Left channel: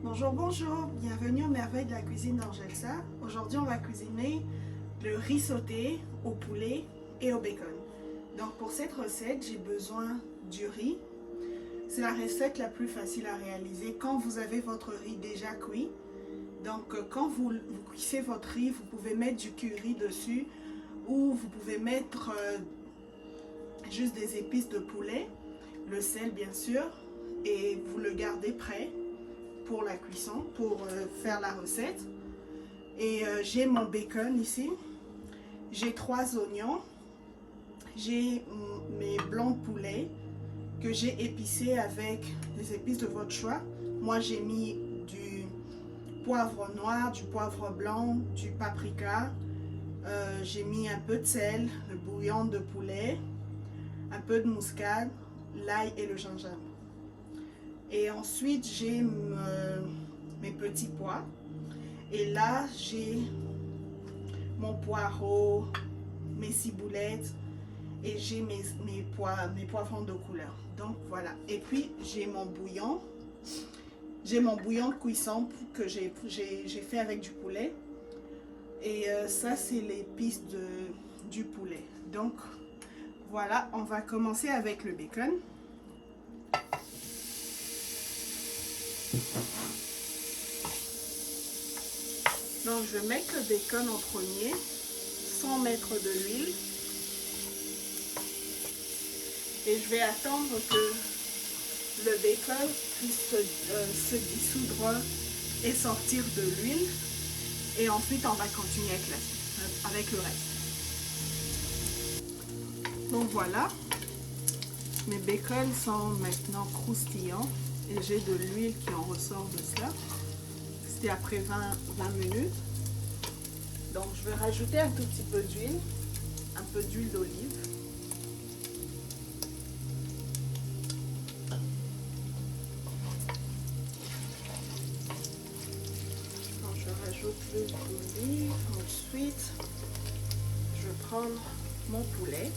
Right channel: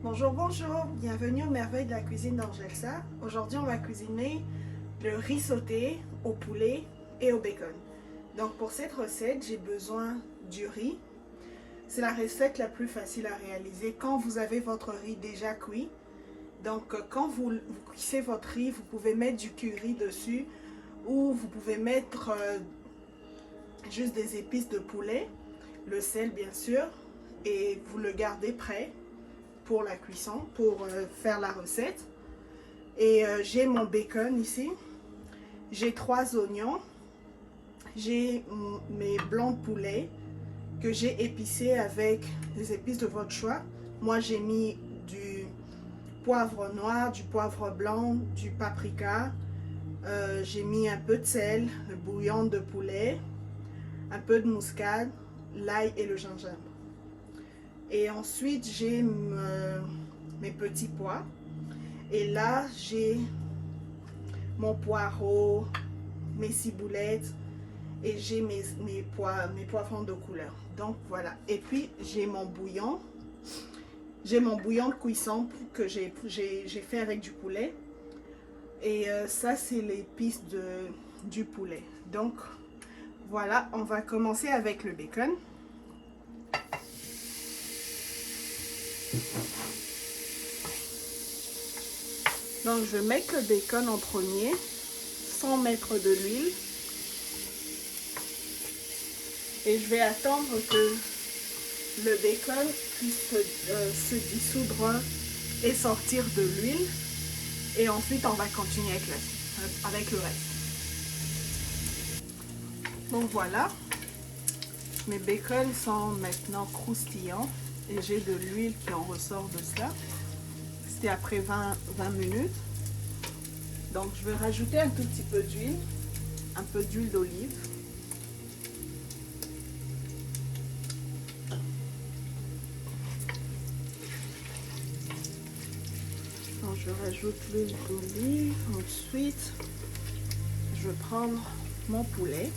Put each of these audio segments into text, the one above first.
Bonjour, bonjour, bienvenue aux merveilles de la cuisine d'Angelsa. Aujourd'hui, on va cuisiner le riz sauté au poulet et au bacon. Donc pour cette recette, j'ai besoin du riz. C'est la recette la plus facile à réaliser quand vous avez votre riz déjà cuit. Donc quand vous cuisez votre riz, vous pouvez mettre du curry dessus ou vous pouvez mettre juste des épices de poulet, le sel bien sûr, et vous le gardez prêt pour la cuisson, pour faire la recette. Et j'ai mon bacon ici, j'ai 3 oignons, j'ai mes blancs de poulet que j'ai épicés avec des épices de votre choix. Moi j'ai mis du poivre noir, du poivre blanc, du paprika, j'ai mis un peu de sel, le bouillon de poulet, un peu de muscade, l'ail et le gingembre. Et ensuite j'ai mes petits pois. Et là, j'ai mon poireau, mes ciboulettes et j'ai mes poivrons de couleur. Donc voilà. Et puis, j'ai mon bouillon. J'ai mon bouillon de cuisson que j'ai fait avec du poulet. Et ça, c'est l'épice du poulet. Donc voilà, on va commencer avec le bacon. Donc je vais mettre le bacon en premier, sans mettre de l'huile. Et je vais attendre que le bacon puisse se dissoudre et sortir de l'huile. Et ensuite on va continuer avec le reste. Donc voilà, mes bacons sont maintenant croustillants et j'ai de l'huile qui en ressort de cela. C'était après 20 minutes. Donc je vais rajouter un tout petit peu d'huile, un peu d'huile d'olive. Donc je rajoute l'huile d'olive. Ensuite, je vais prendre mon poulet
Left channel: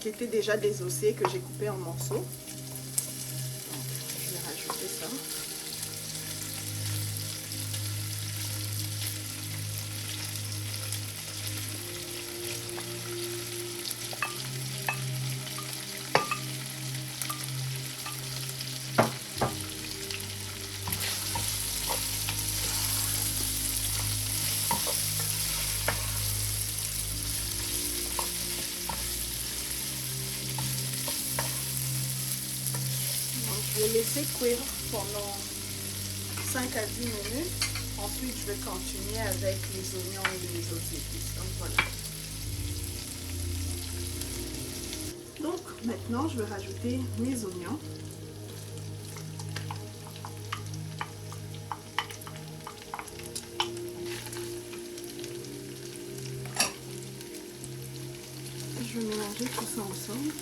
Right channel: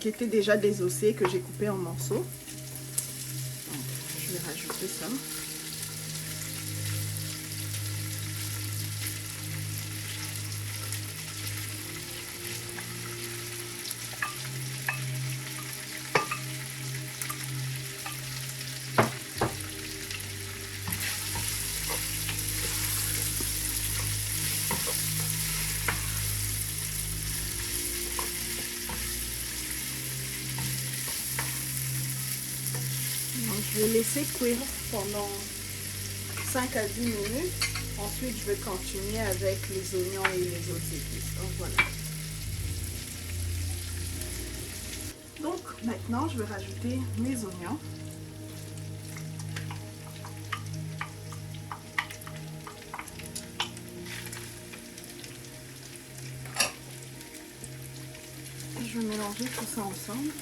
qui était déjà désossé, que j'ai coupé en morceaux. Donc, je vais rajouter ça. Je vais laisser cuire pendant 5 à 10 minutes. Ensuite, je vais continuer avec les oignons et les autres épices. Donc, voilà. Donc, maintenant, je vais rajouter mes oignons. Je vais mélanger tout ça ensemble.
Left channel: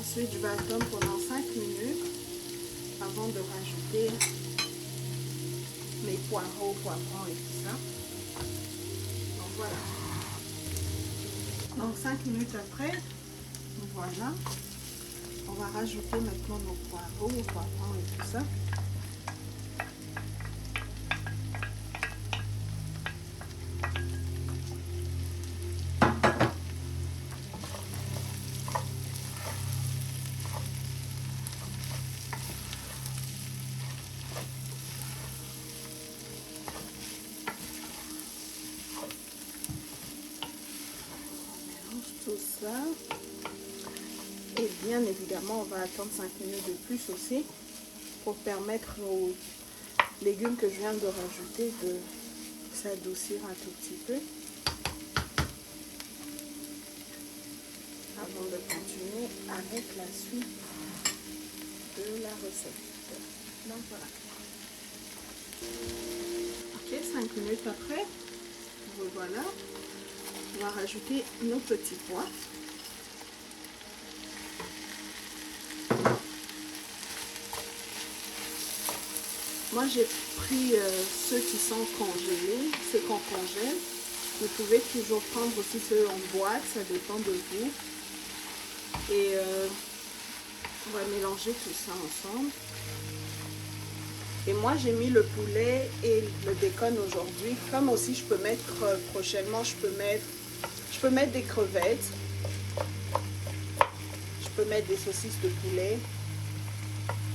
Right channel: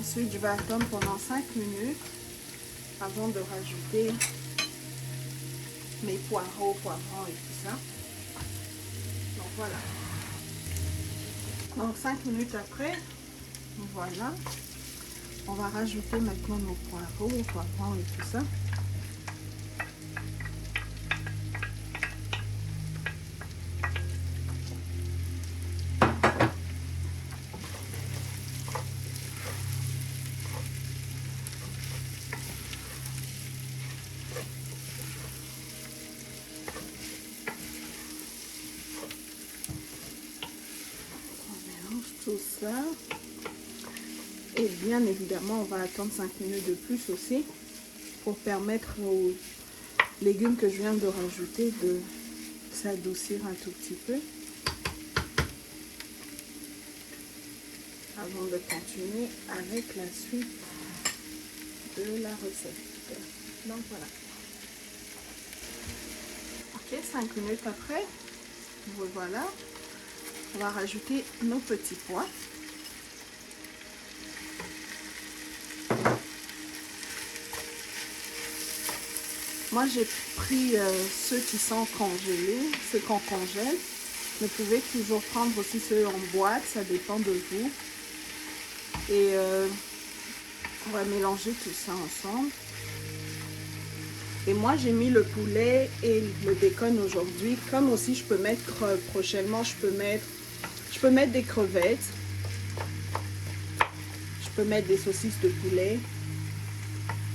Ensuite, je vais attendre pendant 5 minutes avant de rajouter mes poivrons et tout ça. Donc voilà. Donc 5 minutes après, voilà. On va rajouter maintenant nos poivrons et tout ça. Tout ça, et bien évidemment on va attendre 5 minutes de plus aussi pour permettre aux légumes que je viens de rajouter de s'adoucir un tout petit peu avant de continuer avec la suite de la recette. Donc voilà. Ok, 5 minutes après, voilà. On va rajouter nos petits pois. Moi, j'ai pris ceux qui sont congelés, ceux qu'on congèle. Vous pouvez toujours prendre aussi ceux en boîte, ça dépend de vous. Et on va mélanger tout ça ensemble. Et moi j'ai mis le poulet et le bacon aujourd'hui. Comme aussi je peux mettre prochainement, je peux mettre des crevettes. Je peux mettre des saucisses de poulet.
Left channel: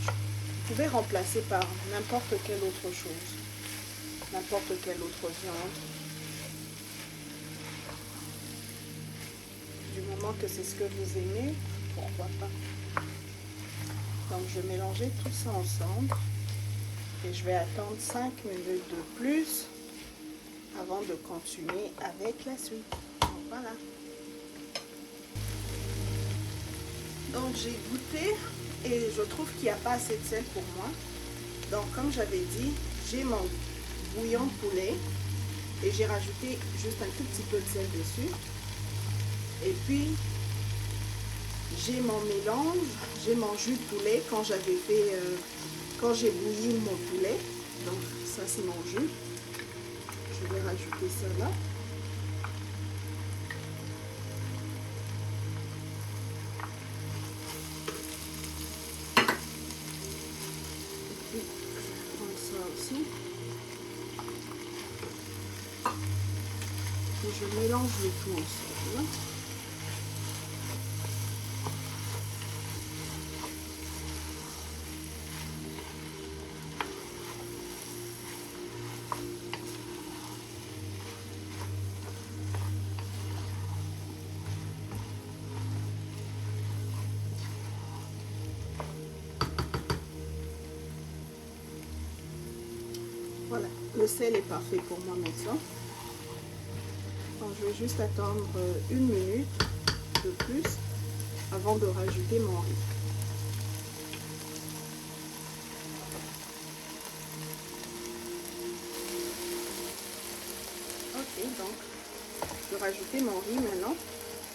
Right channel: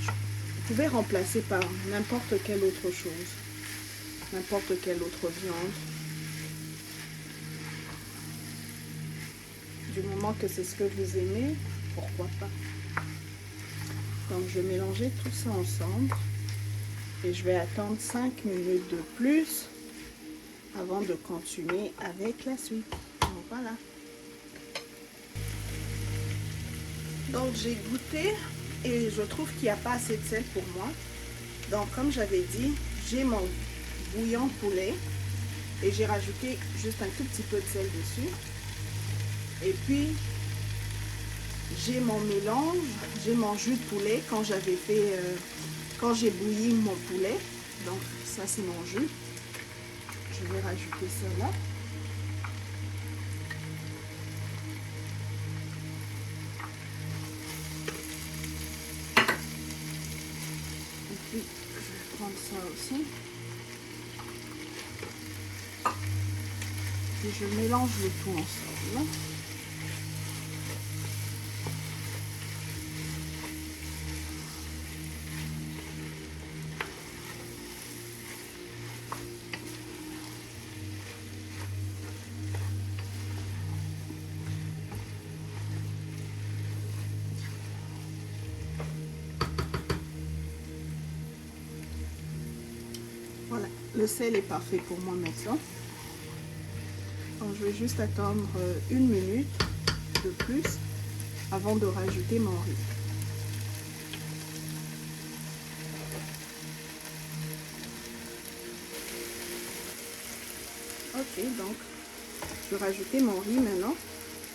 Vous pouvez remplacer par n'importe quelle autre chose. N'importe quelle autre viande. Du moment que c'est ce que vous aimez, pourquoi pas. Donc je vais mélanger tout ça ensemble. Et je vais attendre 5 minutes de plus avant de continuer avec la suite. Donc, voilà. Donc j'ai goûté et je trouve qu'il n'y a pas assez de sel pour moi. Donc comme j'avais dit, j'ai mon bouillon poulet et j'ai rajouté juste un tout petit peu de sel dessus. Et puis j'ai mon mélange, j'ai mon jus de poulet quand j'avais fait... quand j'ai bouilli mon poulet, donc ça c'est mon jus, je vais rajouter ça là. Et puis je vais prendre ça aussi. Et je mélange le tout ensemble. Voilà, le sel est parfait pour moi maintenant. Donc je vais juste attendre 1 minute de plus avant de rajouter mon riz. Ok, donc je vais rajouter mon riz maintenant.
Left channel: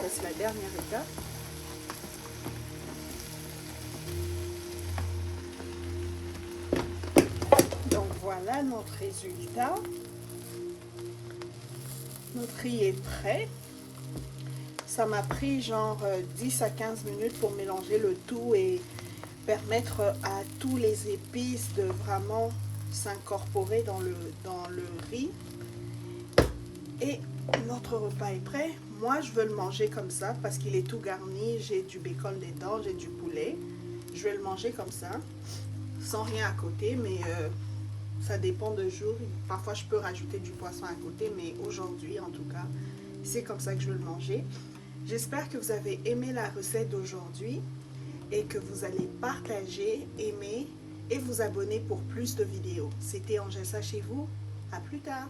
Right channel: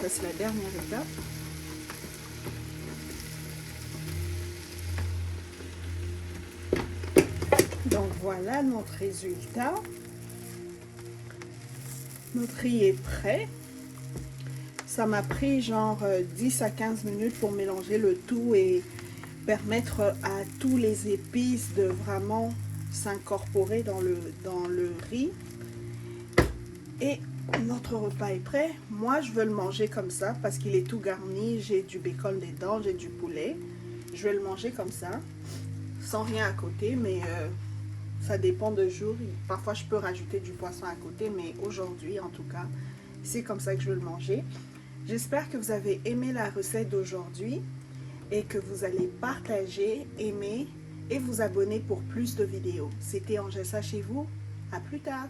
Ça c'est la dernière étape. Donc voilà notre résultat. Notre riz est prêt. Ça m'a pris genre 10 à 15 minutes pour mélanger le tout et permettre à tous les épices de vraiment s'incorporer dans le riz. Et notre repas est prêt. Moi, je veux le manger comme ça parce qu'il est tout garni. J'ai du bacon dedans, j'ai du poulet. Je vais le manger comme ça, sans rien à côté, mais ça dépend de jour. Parfois, je peux rajouter du poisson à côté, mais aujourd'hui, en tout cas, c'est comme ça que je veux le manger. J'espère que vous avez aimé la recette d'aujourd'hui et que vous allez partager, aimer et vous abonner pour plus de vidéos. C'était Angessa chez vous. À plus tard.